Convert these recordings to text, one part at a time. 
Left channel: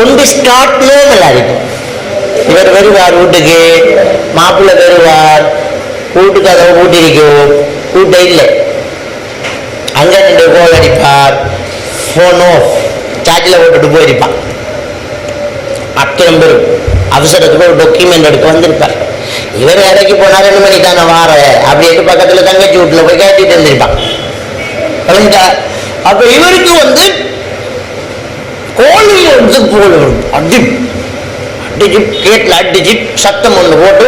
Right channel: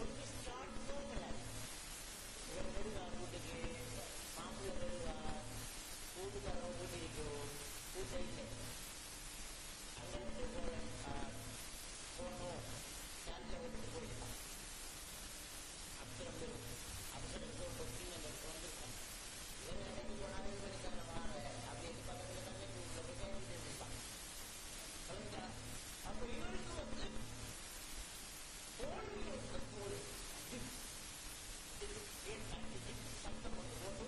ஒன்று ஸ்டார்ட் நார்மலா இருக்கும். இவர் வருவார் வீட்டுக்கு, மாப்பிள்ளை வருவார், வீட்டுக்கு அதை கூட்டிருக்கும், கூட்ட இல்லை, அங்க நின்று கோல் அடிப்பார், போன் ஆஃப் சார்ஜில் போட்டுட்டு போயிருப்பான். அத்தனை பேரும் அவசரத்துக்கு ஒரு டாக்குமெண்ட் எடுக்க வந்திருப்பார். இவர் இறக்கி போனா 2 மணி தானே வார அப்படின்ட்டு பக்கத்துல தங்கச்சி வீட்டுல போய் கேட்டுட்டு இருந்திருப்பான். அப்ப இவருக்கு கோழியில் அடி அடிச்சு கேட்ல அடிச்சு சத்தம் ஒன்று போட்டு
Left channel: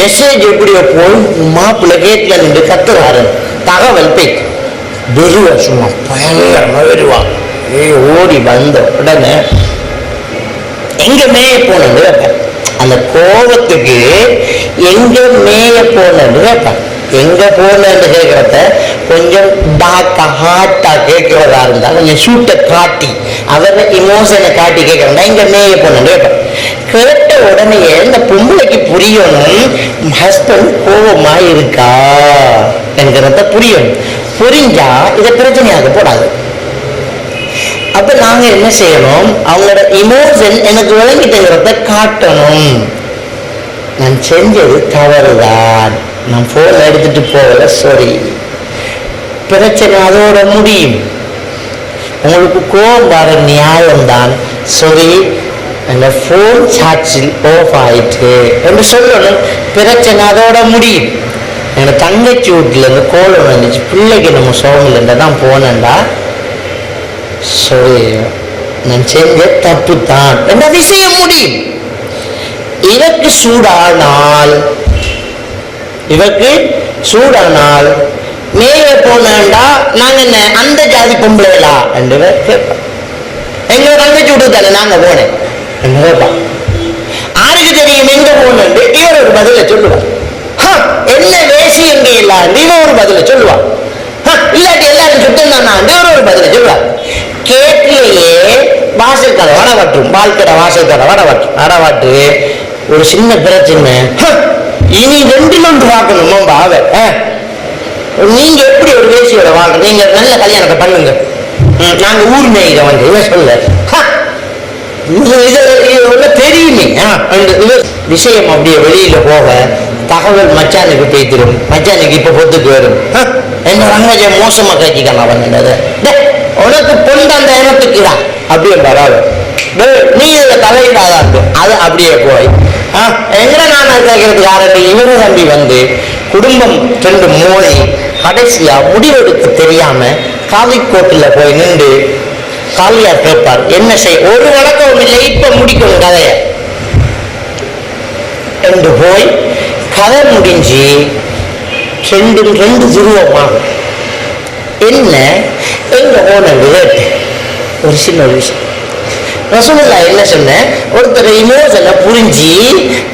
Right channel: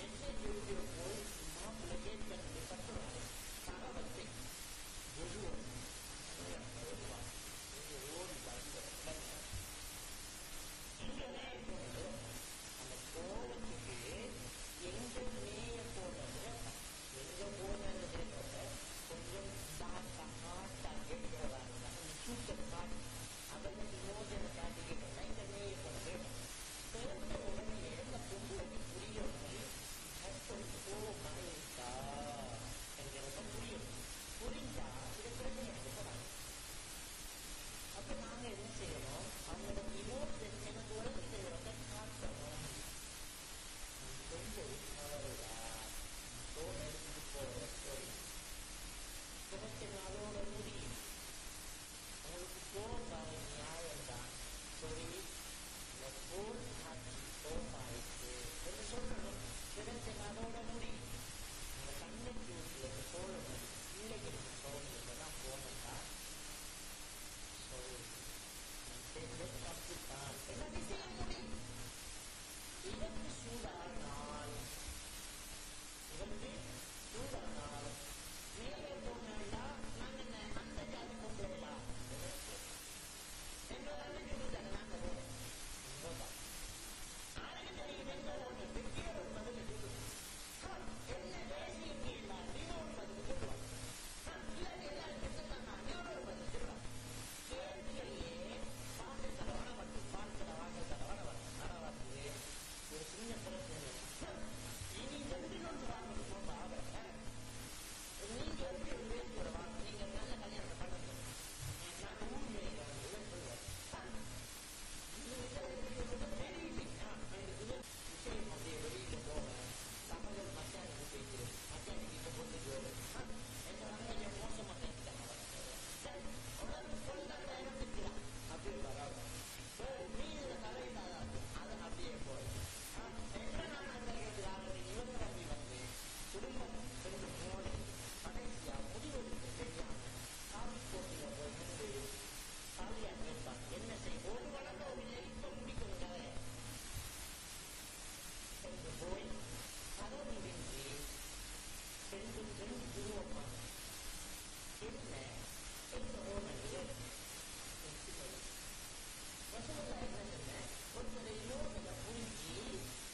மெசேஜ் எப்படியோ போய் மாப்பிள்ளை கேட்ல நின்று கத்துறாரு. தகவல் போய் வெறுவா, சும்மா பயங்கரமா வெறுவா. ஓடி வந்த உடனே எங்க மேய போனது கேட்பேன். அந்த கோபத்துக்கு எங்க மேய போனது கேட்பேன். எங்க போனன்னு கேட்கறத கொஞ்சம் டார்க்கா ஹார்ட்டா கேட்கிறதா இருந்தா கொஞ்சம் சூட்டை காட்டி அவரை இமோஷனை காட்டி கேட்கறா எங்க மேய போனன்னு கேட்பேன். கேட்ட உடனே இந்த பொம்பளைக்கு புரியணும் ஹஸ்பண்ட் கோபமா இருக்கா என்கிறத புரியணும். புரிஞ்சா இதை பிரச்சனையாக போடாது. அப்ப நாங்க என்ன செய்யணும், அவங்களோட இமோஷன் எனக்கு விளங்கிட்டுங்கிறத காட்டணும். நான் செஞ்சது தவறுதான், நான் போன் எடுத்துட்டு போகல, சாரி, பிரச்சனை அதோட முடியும். உங்களுக்கு கோபம் வர நியாயம்தான், சாரி அந்த போன் சார்ஜில் ஆஃப் ஆயிட்டு என்று சொல்லணும். பிரச்சனை அதோட முடியும். எனக்கு தங்கச்சி வீட்டுல இருந்து கோலம் வந்துச்சு, பிள்ளைக்கு நம்ம சோகல தான் போனேன்டா, நான் செஞ்ச தப்பு தான் என்ற விஷயம் முடியும். இவருக்கு சூடானால் மேல போனேன்டா நாங்க என்ன அந்த ஜாதி பொம்பளைகளா என்று கேட்பேன். எங்க தங்கச்சி வீட்டு தானே நாங்க போனேன் என்று கேட்பான். யாருக்கு தெரியும் எங்க போனேன், இவர் ஒரு பதில சொல்லுவார். என்ன வேசி எங்க இல்ல இவன் ஒரு பதில சொல்லுவான். இல்லாட்டி எல்லாரும் சுத்தம் தானா இவர் ஒரு பதில சொல்லுவார். கேட்கலையே வாசல் கடை வடவாட்டும், பால்கடை வாசல் கடை வடவாட்டு ஒரு சின்ன பிரச்சனை. இனி 2ல் 1 பார்க்கணுமோ பாவ, நீங்க எப்படி ஒரு வேசியோட வாங்க, நீங்க நல்ல கல்யாணத்தை பண்ணுங்க, நாங்க ஊர் மேயில இவன் சொல்ல தெரியுமே. விஷயம் அப்படியே வெளியில போக தகவல் மச்சானுக்கு பேத்திரும், மச்சானுக்கு இப்ப பொத்துக்கு வரும். என்ன ரங்கஜ மோசமா காய்ச்சிக்கான அவன் உனக்கு பொண்ணு அந்த இனத்துக்கு தான் அப்படியே வராது, நீ இதுல தலையிடாதான் அது அப்படியே போய் எங்க நான் கேட்கறதுக்கு ஆரம்பி இவரு தம்பி குடும்பம் 2 மோதி கடைசியா முடிவெடுக்க தெரியாம காவிக்கோட்டில் போய் நின்று காலியா கேட்பார். என்ன செய்ய, ஒரு வழக்கமும் இல்லை, இப்ப முடிக்கணும் கதைய என்று போய் கதை முடிஞ்சு 2 துருவமாகும். என்ன எங்க போனது ஒரு சின்ன விஷயம். ரசூலுல்லாஹ் என்ன சொன்ன, ஒருத்தர் இமோஷனை புரிஞ்சு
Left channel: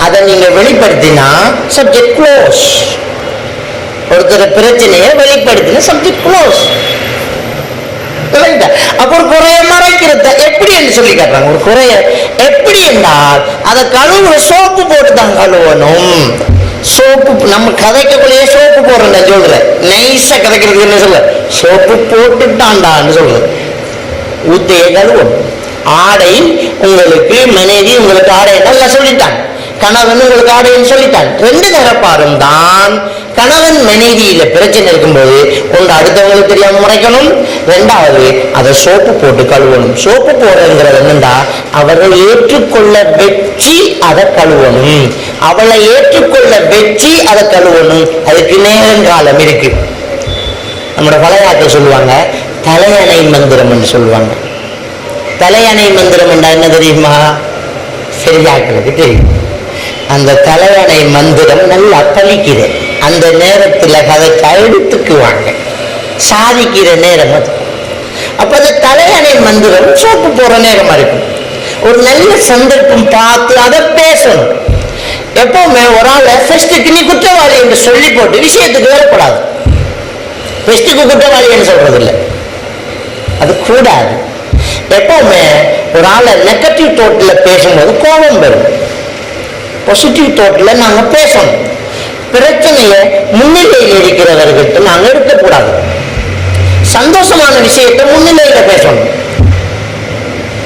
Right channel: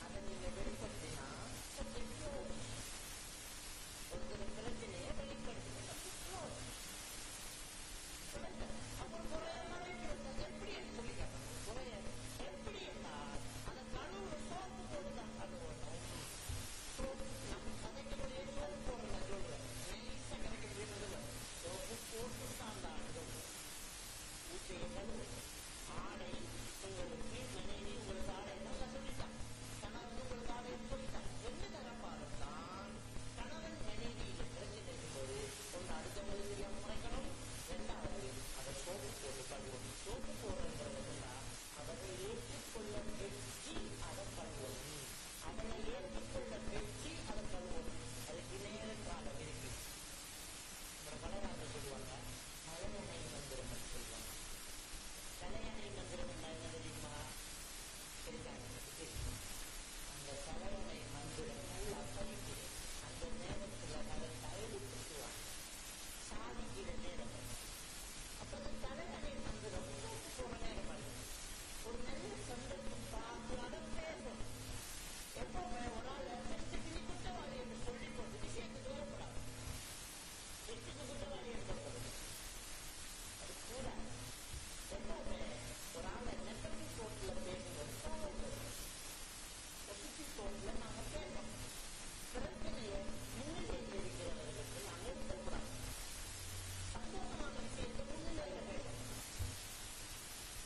அதை நீங்க வெளிப்படுத்தினா சப்ஜெக்ட் க்ளோஸ். ஒருத்தர் பிரச்சனையை வெளிப்படுத்தினா சப்ஜெக்ட் க்ளோஸ். அப்ப ஒரு குறைய மறைக்கிறத எப்படி என்று சொல்லி காட்டுறாங்க. ஒரு குறைய எப்படி என்றால் அதை கழுவுற சோப்பு போட்டு தான் கழுவணும். சோப்பு நம்ம கதைக்கக்குள்ளேயே சோப்பு போடுறேன் சொல்றேன், நைஸா கதைக்கிறதுக்கு என்ன சொல்ற, சோப்பு போட்டுட்டான்டான்னு சொல்றது. ஊத்தையே கழுவணும். ஆடை உங்களுக்கு மனைவி உங்களுக்கு ஆடை நல்லா சொல்லிட்டான், கணவன் உங்களுக்கு ஆடைன்னு சொல்லிட்டான். 2 தரப்பாரும் தான் கணவன் மனைவியில பிரச்சனை இருக்கும்போது ஒன்று அடுத்தவங்களுக்கு தெரியாம முறைக்கணும், 2வது அதை சோப்பு போட்டு கழுவணும். சோப்பு போடுறதுங்கிறது என்னண்டா அவரை ஏற்றுக்கொள்ள வெற்றி அதை கழுவணும், அவளை ஏற்றுக்கொள்ள வெற்றி அதை கழுவணும். அதுக்கு நேரங்காலம் இருக்கு. நம்மளோட பழையாக்கள் சொல்லுவாங்க தலையணை மந்திரம் என்று சொல்லுவாங்க. தலையணை மந்திரம் என்றா என்ன தெரியுமா, சரியாக்களுக்கு தெரியும். அந்த தலையணை மந்திரம் நல்லா பழிக்குது. அந்த நேரத்தில் கதைக்கு எடுத்துக்குவாங்க, சாதிக்கிற நேரம் அது. அப்ப அந்த தலையணை மந்திரம் சோப்பு போற நேரமா இருக்கும். ஒரு நல்ல சந்தர்ப்பம் பார்த்து அதை பேசணும். எப்பவுமே ஒரு ஆளை ஃபெஸ்ட்டுக்கு நீ குற்றவாளி என்று சொல்லி போட்டு விஷயத்துக்கு வரக்கூடாது. ஃபெஸ்ட்டுக்கு குற்றவாளி என்று சொல்றது இல்லை, அது கூடாது. எப்பவுமே ஒரு ஆளை நெகட்டிவ் தோட்டில் பேசும்போது கோபம் வரும். பாசிட்டிவ் தோட்டில் நாங்க பேசணும். பிரச்சனையை முன்னிலையில் இருக்கிறவர்கிட்ட நாங்க இருக்கக்கூடாது. சந்தோஷமான விஷயத்தை முன்னிலையில பேசணும்.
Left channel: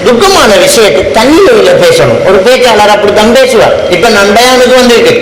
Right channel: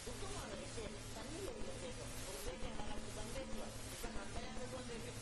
துக்கமான விஷயத்தை தண்ணியில பேசணும். ஒரு பேச்சாளர் அப்படித்தான் பேசுவார். இப்ப நான் பயானுக்கு வந்திருக்கு,